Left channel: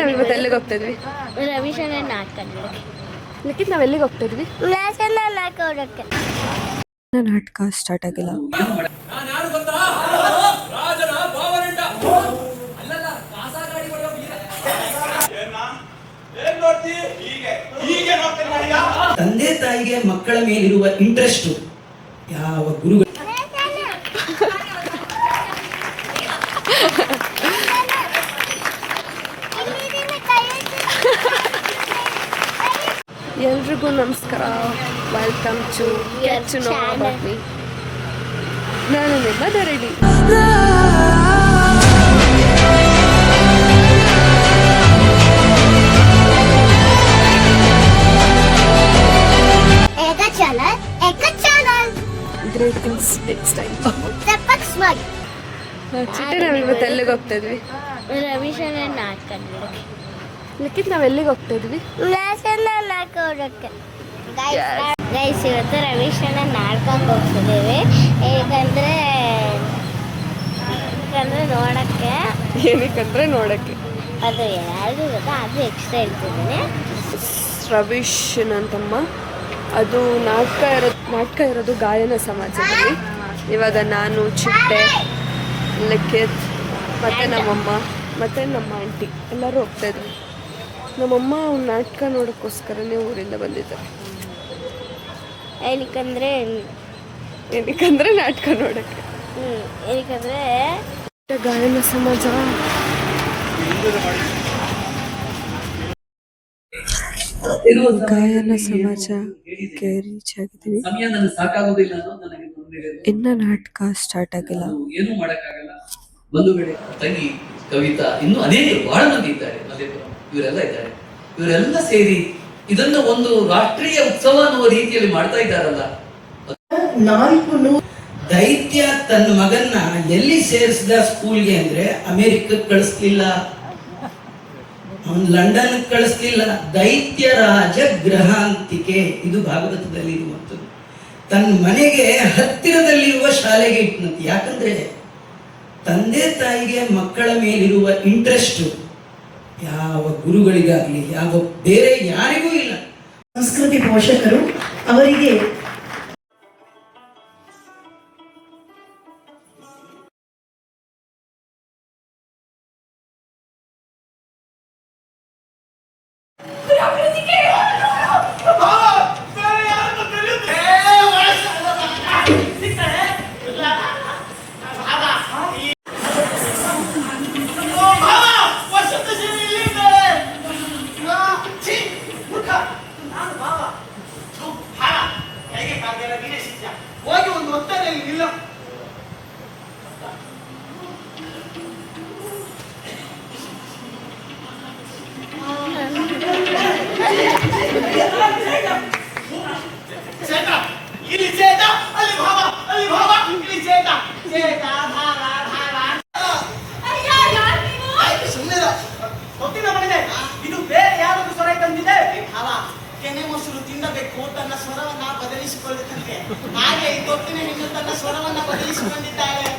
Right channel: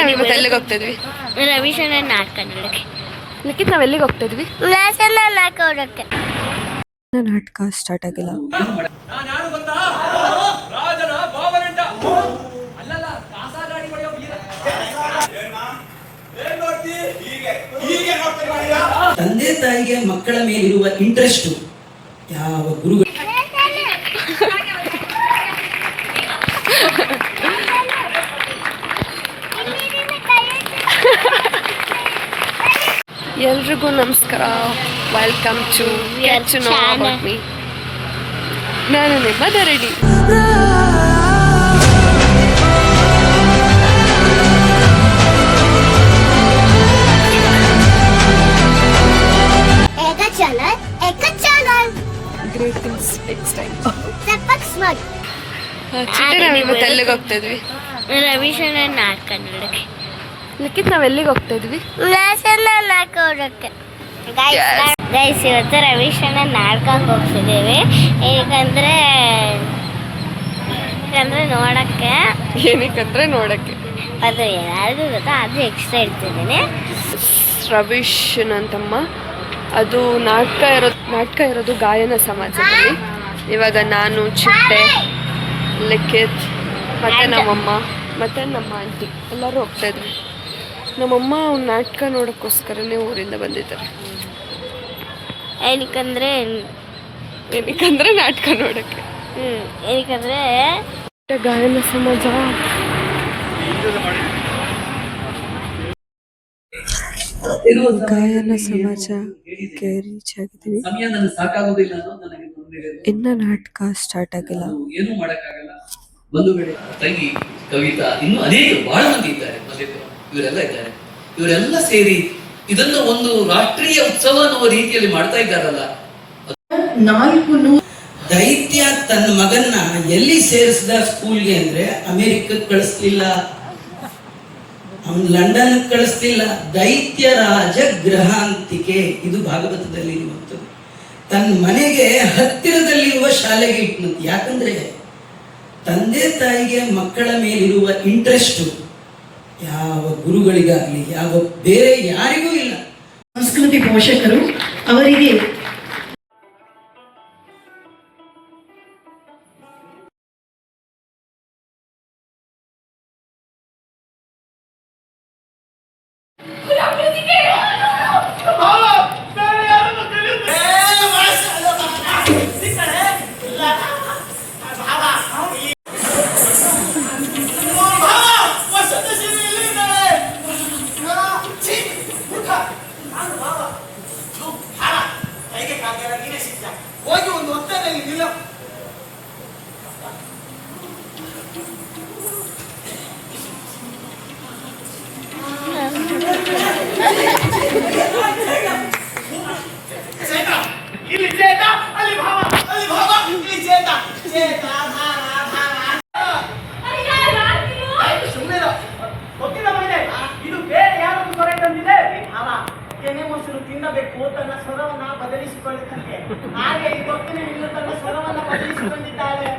ಇವತ್ತು ಎಲ್ಲಿಗೆ ಹೋಗ್ತಿದ್ವಿ? ರವಿಶಂಕರ್ ನಾಟಕ ನೋಡಕ್ಕೆ. ಲಿಖಿತ್ ನಾವ್ ಎಲ್ಲಿಗೆ ಹೋಗ್ತಿದ್ವಿ? ನಾಟಕ ಸ್ಟಾರ್ಟ್ ಆಗಿಲ್ಲ. ತಂದೆ ತಾಯಿಗೆ ಮಕ್ಕಳ ಮೇಲಿರುವ ಇಂಟ್ರೆಸ್ಟ್ ಯಾವ ಗುರುಗಳು ಎಲ್ರಿಗೂ ನಮಸ್ಕಾರ. Welcome to get to know about me. ನಾನು ನಿಮ್ಮ ಧರಣಿ. ಇವತ್ತು ಎಲ್ಲಿಗೆ ಹೋಗ್ತಿದ್ವಿ? ರವಿಶಂಕರ್ ನಾಟಕ ನೋಡಕ್ಕೆ. ಲಿಖಿತ್ ನಾವ್ ಎಲ್ಲಿಗೆ ಹೋಗ್ತಿದ್ವಿ? ಗೈಸ್ ಇವತ್ತು ರವಿಶಂಕರ್ ನಾಟಕಕ್ಕೆ ಹೋಗ್ತಿದ್ದೀವಿ. ಏನಕ್ಕಂದ್ರೆ ನೋಡಕ್ಕೆ. ಏನಕ್ಕಂದ್ರೆ ನೋಡಕ್ಕೆ. ಅದು ಎಲ್ಲರಿಗೂ ಗೊತ್ತಾ, ಅದು ಎಕ್ಸ್ಟ್ರಾ ಇಡ್ತಿದ್ದೀನಿ. ರವೀಶ್ ಅಂತಮ್ಮ. ಅದು ನಾಟಕ ಇರೋದು ಗಾಯನ ಸಮಾಜದಲ್ಲಿ. ಇವಾಗ ನಾನು, ಚಿಟ್ಟೆ, ಲಿಖಿತ್ ಮತ್ತು ನಮ್ಮಮ್ಮ ಮತ್ತು ನಮ್ಮ ಆಂಟಿ ಎಲ್ಲರೂ ಹೋಗ್ತಾಯಿದ್ವಿ. ನಮ್ಮಮ್ಮ ನಾಟಕ ನೋಡೋಕ್ಕೋಸ್ಕರನೇ ಊರಿಂದ ಬಂದಿದ್ದಾರೆ. ಏನಕ್ಕಂದ್ರೆ ನಾಟಕ ನೋಡೋಕ್ಕೆ. ಏನಕ್ಕಂದ್ರೆ ಗಾಯನ ಸಮಾಜ. ಗಾಯನ ಸಮಾಜಕ್ಕೆ ರೀಚ್ ಆಗಿದ್ದೀವಿ. ಇನ್ನ ನಾಟಕ ಸ್ಟಾರ್ಟ್ ಆಗಿಲ್ಲ. ಏನು ಮಾಡಕ್ಕಾಗಲ್ಲ. ಬಂಧುಗಳೇ, ತಂಗಿ ಕವಿತಾ, ಇನ್ನು ಅನೇಕ ಬಹಳ ಮಂದಿ ಇದ್ದಾರೆ. ಇವರೆಲ್ಲ ಇದ್ದಾರೆ. ಇವರೆಲ್ಲ ಸೇರಿ ಇದನ್ನ ಒಂದು ರಾಷ್ಟ್ರೀಯ ಉತ್ಸವ ಅನ್ನುವ ರೀತಿಯಲ್ಲಿ ಮಾಡ್ತಾ ಇದ್ದಾರಲ್ಲ. ದೈತ್ಯ ತನ್ನ ಮಗನ್ನ ಎಲ್ಲಿ ಸೇರಿಸಿದ ಸ್ಕೂಲ್ಗೆ ಅಂದ್ರೆ ಅಮೆರಿಕಕ್ಕೆ ಕಳಿಸ್ಲಿಲ್ಲ, ಅವನು ಲಂಡನ್ ಕಳಿಸ್ಲಿಲ್ಲ. ದೈತ್ಯ ರಾಜ ಗೃಹಾಂತಿಕೆ, ಇದು ಭಾಗವತದಲ್ಲಿ ಇರುವಂಥದ್ದು. ತನ್ನ ಮನೆಗೆ ಹತ್ತಿರದಲ್ಲಿರುವ ಶಾಲೆಗೆ ಇಟ್ಟನಂತೆ. ಯಾಕಂದ್ರೆ ತಂದೆ ತಾಯಿಗೆ ಮಕ್ಕಳ ಮೇಲಿರುವ ಇಂಟ್ರೆಸ್ಟ್ ಯಾವ ಗುರುಗಳಿಗಾಗಲಿ ಯಾವ ಬೇರೆ ಯಾರಿಗೂ ಇಲ್ಲ. ಸಂಸ್ಕೃತಿ ಪೋಷಕರು ಅವರಿಗೆ ಹೋಗಿ ಒಂದು ಹೊತ್ತಲ್ಲಿ ನಿಲ್ಲ. ಇಲ್ಲಿ ಚೇತ, ಅಲ್ಲಿ ಭಾವ, ಅಲ್ಲಿ ಭಾವ, ಇಲ್ಲಿ ಚೇತ, ಚೇತ, ಸುಮ್ಮನೆ ಗೊತ್ತಿಲ್ಲ ಮನೆ. ಇದು ಬೇರೆ ಯಾರಾದ್ರೂ ಸ್ವರ ತಂದಿದೆ. ಭಾವ ಕೆನೆ ಮೊಸರು ತಿನ್ನಬೇಕು, ತನ್ನ ಸ್ವರವನ್ನ ಬದಲಿಸಿಕೊಳ್ಳುತ್ತಂತೆ. ಹಾಗೆ ಈ ಗೊತ್ತಿನ ಹೆಣ್ಣು ತನ್ನ ಸ್ವರವನ್ನ ಬದಲಿಸಿಕೊಂಡಿದ್ದಾಳೆ.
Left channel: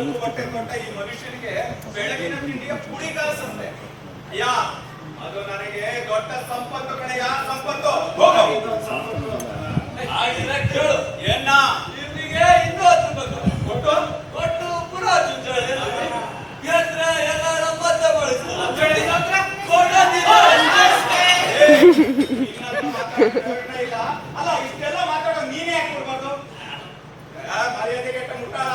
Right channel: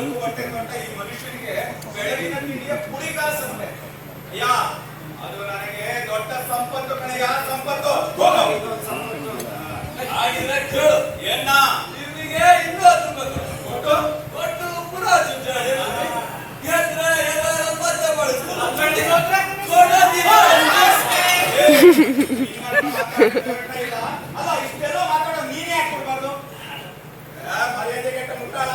ನಾಲ್ಕು ಹೊಟ್ಟೆ ಕೊಟ್ಟ ಈ ಮನುಷ್ಯನಿಗೆ ಬೆಳಗಿನ ತಿಂಡಿಯ ಪುಡಿಗಾಸಂತೆ. ಅಯ್ಯ, ಅದು ನನಗೆ ದೊಡ್ಡ ಸಂಪತ್ತು ಕಣಯ್ಯ, ಸಂಪತ್ತು. ಹಾಗಿದ್ರೆ ಕೇಳು, ಏನ ಇವನಿಗೆ ಇನ್ನೂ 10 ರೂಪಾಯಿ ಕೊಟ್ಟು ಕೊಟ್ಟು ಪುನಃ ಚುಂಚಾಡಿ ಗೆದ್ರೆ ಎಲ್ಲ ಪತ್ತ ಬಳಸ್ತಾರೆ. ಅಲ್ಲ, ಇಷ್ಟೆಲ್ಲ ಮಾತಾಡೋ ನೀನೇ ಯಾಕೆ ಕೊಡ್ಬಾರ್ದು? ಮರ್ಯಾದೆ ಕೆಟ್ಟ ಮುಟ್ಟಾಳ.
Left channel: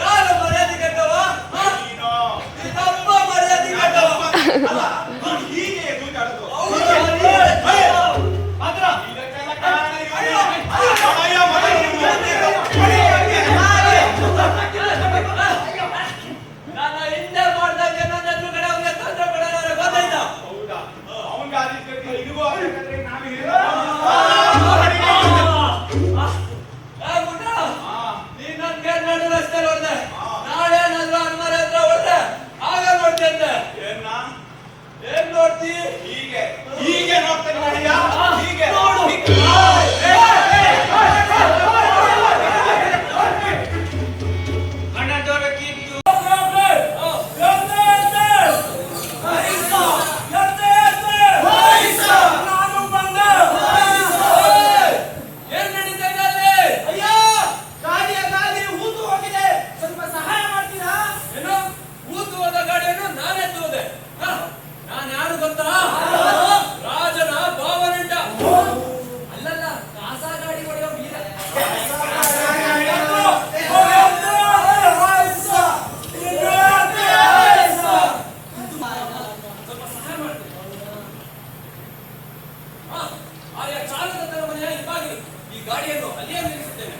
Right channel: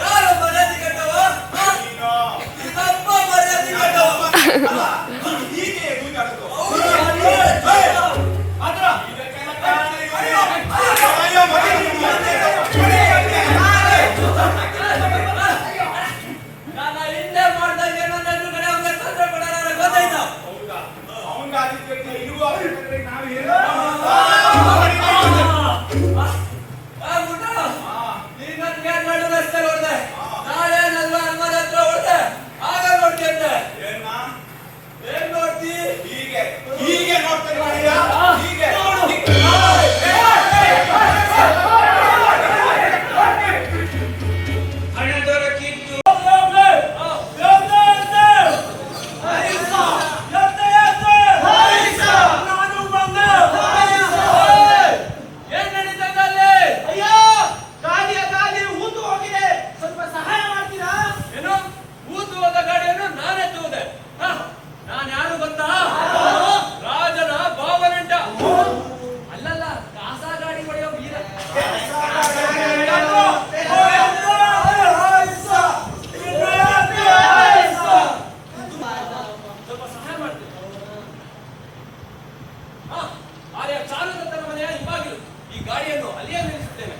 ಯಾರು ಮರ್ಯಾದೆ ಕೆಟ್ಟವ? ನೀನು. ನಮ್ಮ ಮರ್ಯಾದೆ ಕೆಟ್ಟವ. ಹೀಗೆ ಎದುರಾಡೋದು. ನಾನು ಹಿಂದೆ ಮಾಡ್ದಂಗೆ ನನ್ನ ಎದುರುಗಡೆ ಅವ್ನಿಗೆ ತೊಂದರೆ ಕೊಡೋಣ ಗೊತ್ತಾಯ್ತಾ? ಹೌದಾ? ಅವನಿಗೆ ಆದಿತ್ಯಕ್ಕೆ ಇರುವ ನಾವು ನೀನ್ ನನ್ಗೆ ನಡು ರಸ್ತೆ ಹೊಡೆದೆ, ನಾಳೆ ನನ್ನ ಅನ್ಮರ ಹತ್ರ ಹೊಡೆದೆ, ಆಗ ನೋಡ್ತೇನೆ. ಏನ್ ನೋಡ್ತಿ? ಹೀಗೆ ಹೀಗೆ ನೋಡ್ತೇನೆ ಮನೆಯ, ಹೀಗೆ ಹಣ ದೊರಕಿತ್ತು. ನಾನು ಬಂದೆ. ಏನ್ ನಡೀತಾ ಇದೆ ಅಲ್ಲಿ? ಅಯ್ಯೋ, ಗಾಡಿಯ ಗಾಲಿ ಊತು ಹೋಗಿದೆ, ಸ್ವಲ್ಪ ಸಹಾಯ ಮಾಡ್ತೀರಾ? ಏನು ಊತು ಹೋದ ಗಾಡಿಯನ್ನು ನಾನೇ ತಗೋದೆ? ನಾನು ಯಾರು ಗೊತ್ತಾ? ರಾಜನ ಭಾವನೆಂಟ. ಅಲ್ಲಲ್ಲ, ಕಾಸ ಗಾಡಿ ಹೊಡೆಯೋ ವೀರ. ಸ್ವಲ್ಪ ಸಹಾಯ ಮಾಡ್ತೀನಿ. ಆಯಾ ಚಾಲಕನ ಮನೆಯ ಹಿಂಬಾಗಿಲು ಈ ಗಾಡಿಯನ್ನು ಅಲ್ಲಿಯೇ ನಿಲ್ಲಿಸುತ್ತೇನೆ.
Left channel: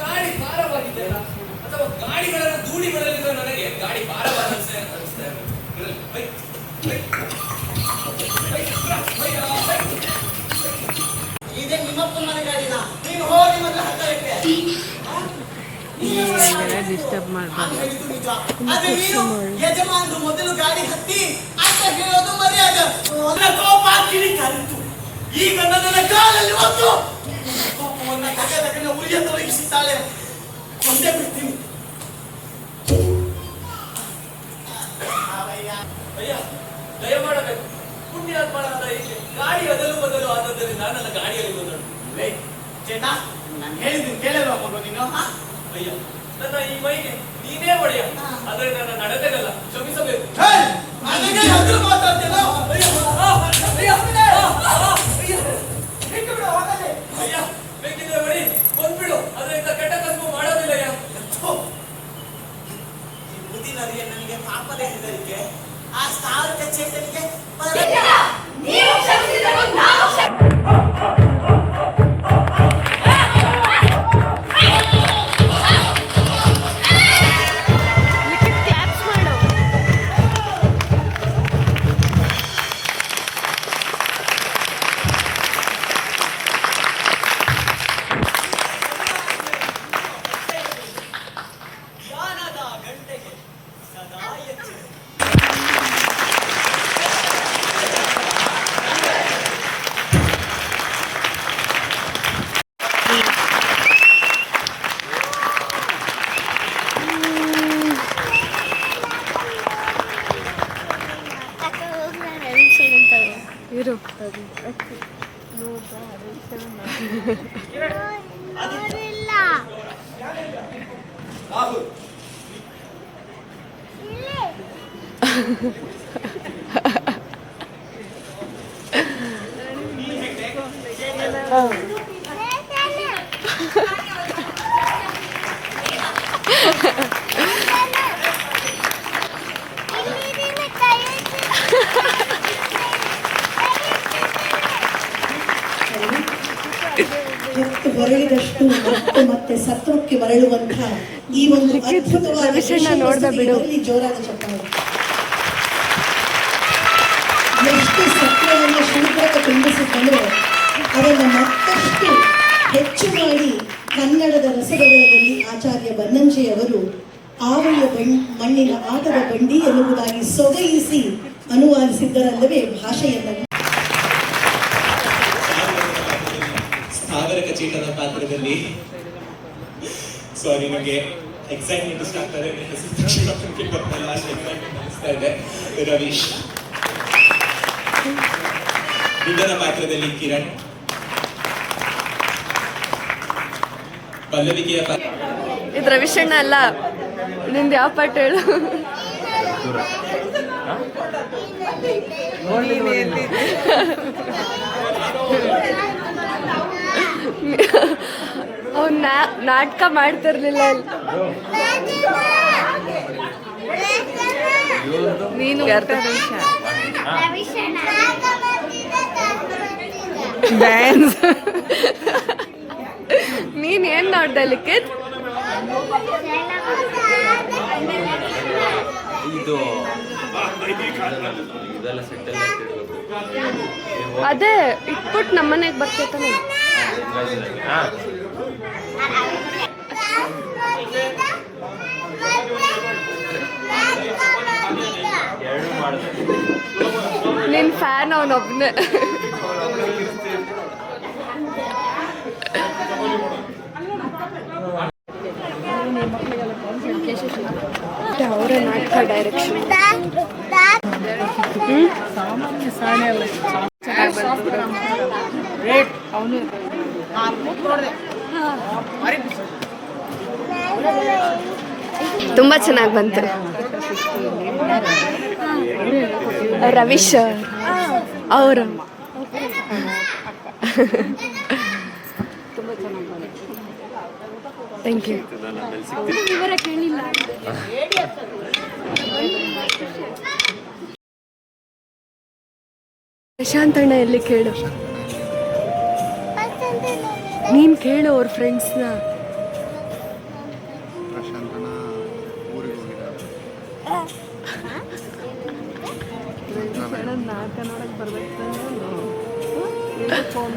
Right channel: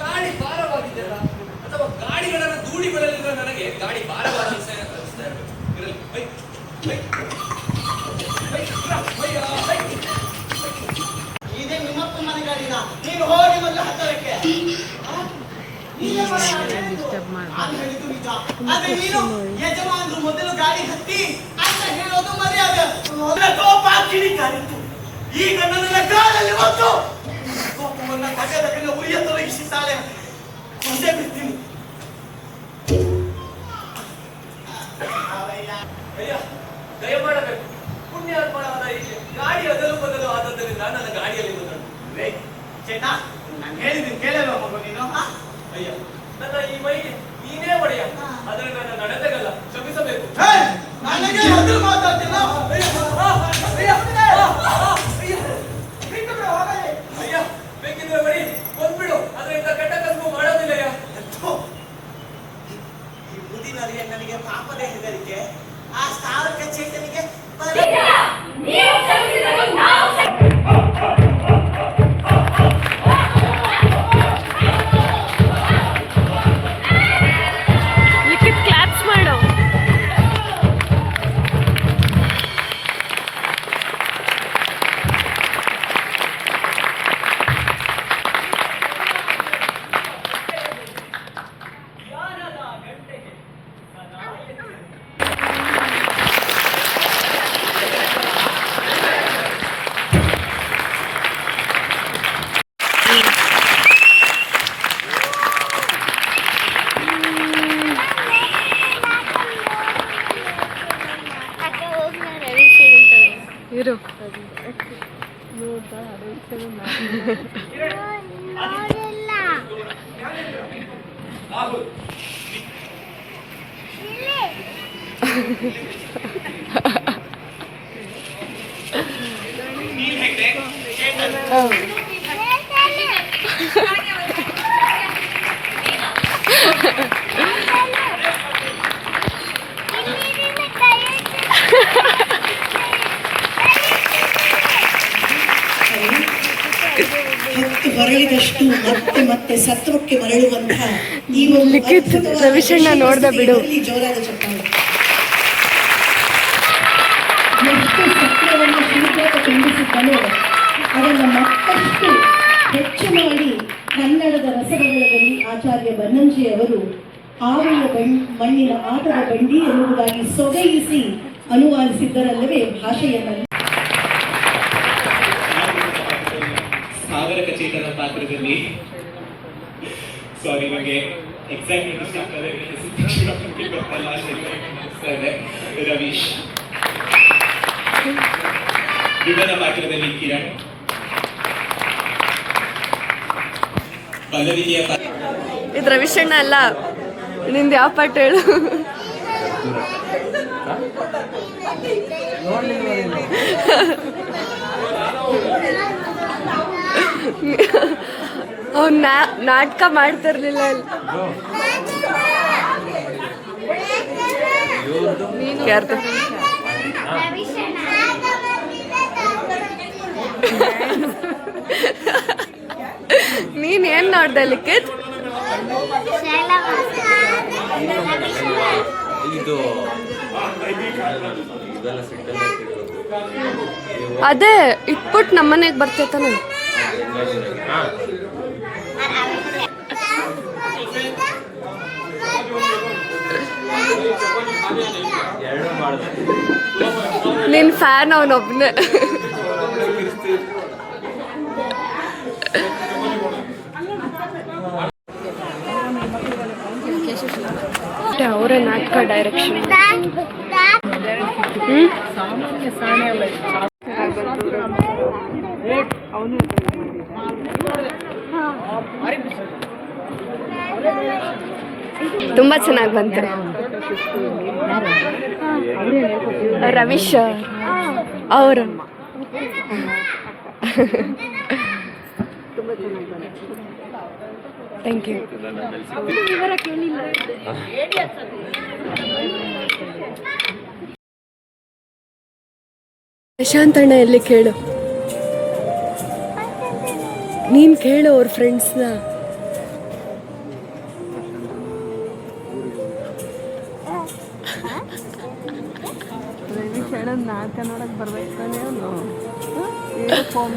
ಗಾಡಿ ಭಾರವಾಗಿದೆಯಲ್ಲ, ಅಥವಾ ಗಾಡಿಗಳನ್ನು ಧೂಳಿಗಳಲ್ಲಿರುವ ನನಗೆ ಗಾಡಿ ಭಾರವಾದ ಇದೇ ನಿಮ್ಮಪ್ಪ ಮನೆ ಗಾಡಿನ, ನೀನು ಹೋಗಿ ಮೊದಲು ಹತ್ತಕ್ಕೆ. ನಾನು ಹೇಳಿದ್ದು ನಿಜ. ಆದ್ರೆ ನೀನು ಯಜಮಾನರು ಮೊದಲು ಗಾಡಿ ಹತ್ತಿ ಅಂತ ಹೇಳೋದು ಮರ್ಯಾದೆ. ಕೋಪ ಕಿಡಿಕಾರಿತ್ತು. ಈಗ ನನ್ನ ಕಾಲಲ್ಲಿ ಒಂದು ಕೋಪವನ್ನ ತಗದಕನ್ನ ಉರಿಯ ತೊಲಗಿಸಿದ್ದಾಳೆ. ಕೊಂದೇ ಬಿಡ್ತೀನಿ. ಅಯ್ಯ, ದಯಮಾಡಬೇಕು. ಪುಣ್ಯಾತ್ಮನಾದ ಇಲ್ಲಿ ಗಾಡಿ ಅದಲು ಬದಲು ಆದದ್ದರಿಂದ ನನ್ನ ಗಾಡಿಯಲ್ಲಿ ಬಂದಳು. ಚೆನ್ನ, ನಾನು ಹೇಳಿದ್ದೀನಿ ಕೇಳಲ್ವ ಮಗು ನೀನು? ಅಯ್ಯ, ನನ್ನ ಈ ಮೈಗೆ ನೀನೇ ಒಡೆಯ, ಆದರೆ ನನ್ನ ನಡತೆಗಲ್ಲ, ಕ್ಷಮಿಸಬೇಕು. ನನಗೆ ಎದುರು ಮಾತಾಡ್ತೇನೆ. ಅಯ್ಯ, ಬೇಕಿದ್ರೆ ಬಡಿ ಬಂದ್ಬಿಡು, ಅದರಿಂದ ಕೆಟ್ಟ ಕಸಬು ಮಾಡೋದಿಲ್ಲಯ್ಯ. ಈ ಮುದಿನರಿಗೆ ನನಗೆ ಪಾಪದ ಹೆದರಿಕೆ. ಆ ಸ್ಥಾವರ ಚೇತನಿಗೆ ಕ್ಲಾಪ್ಸ್ ಮಾಡು. ಇರು. ಹೊತ್ತು ಹೊರಳಿದಷ್ಟು ಮತ್ತೆ ಮತ್ತೆ ಸತ್ವಕ್ಕೆ ಮರಳುವಂತಹ ಈ ಒಂದು ಲಿಖಿತ್ ಅದ್ಭುತವಾದ ರವಿಶಣ್ಣ ನೋಡ್ದ ಬಿಡು. ಇದರಲ್ಲಿ ಜೋರಾದ ಚಪ್ಪಾಳೆ. ಎಷ್ಟು ಸತ್ವವನ್ನು ಶೂದ್ರಕ ತುಂಬಿಸಿದ್ದನೋ ಅದನ್ನು ಮತ್ತಷ್ಟು ಹೆಚ್ಚು ಮಾಡಿ ಕನ್ನಡದ ರಸಬೆಳಗಲ್ಲಿ ಆಚಾರ್ಯ ಬನ್ನಂಜೆಯವರು ಆವಳಿಯ ಮಣ್ಣಿನ ಆಟದ ಬಂಡಿ ಎನ್ನುವುದಾಗಿ ಸೊಗಯಿಸಿ ಅನುವಾದಿಸಿದ್ದರಲ್ಲವೇ ಭಾಷೆಯನ್ನು. ಸ್ಥಾವರ ಕಚೇಟದ ಪಾತ್ರದಲ್ಲಿ ಸಾರಿ ನನಗೆ ಎಕ್ಸೈಟ್ಮೆಂಟ್ ಇಷ್ಟ ಆಗ್ತದೆ, ಅನಿಸ್ತಾ ಇದೆ. ರವೀಶ್ ವಿಭನ ಪಾತ್ರದಲ್ಲಿ ಕಿರಣ್, ಪಲ್ಲವಿಕೆಯ ಇದು ರವಿಶಣ್ಣ ಅಲ್ಲ, ನಿಂದು ಯಾವ ಪಾಠ ಹೇಳು? ಅವ್ನು ನಾಟಕ ಮಾಡ್ತಿರ್ಲಿಲ್ಲ ಅಲ್ಲಿ. ನೀನ್ ಏನ್ ನೋಡ್ದೆ ಲಿಖಿತ್? ಅದೇ ಇಟ್ಬಿಟ್ಟು ನಮ್ಮನೆಗೆ ಬರ್ತೈತಾನೆ. ನಿನ್ ಫ್ಯಾನ್ ಅವನೊಬ್ನೇ. ಅವರೇ ನಾಟಕ ಡೈರೆಕ್ಷನ್. ತುಂಬಾ ಚೆನ್ನಾಗಿ ಬಂತು. ರವೀಶ್ ಅವರು ತುಂಬ ಚೆನ್ನಾಗಿ ಬಂತು. Thank you. ಪ್ರಶಾಂತ್ ಅಣ್ಣ ಎಲ್ಲಿ ಕೇಳು, ನೀನ್ ಕೇಳು ಅವ್ರ ಫ್ರೆಂಡ್ಸ್ನ. ನಾಟಕ ನೋಡಕ್ ಬರ್ಬೇಕು ತಾನೆ ಅವನು. ಫೋನ್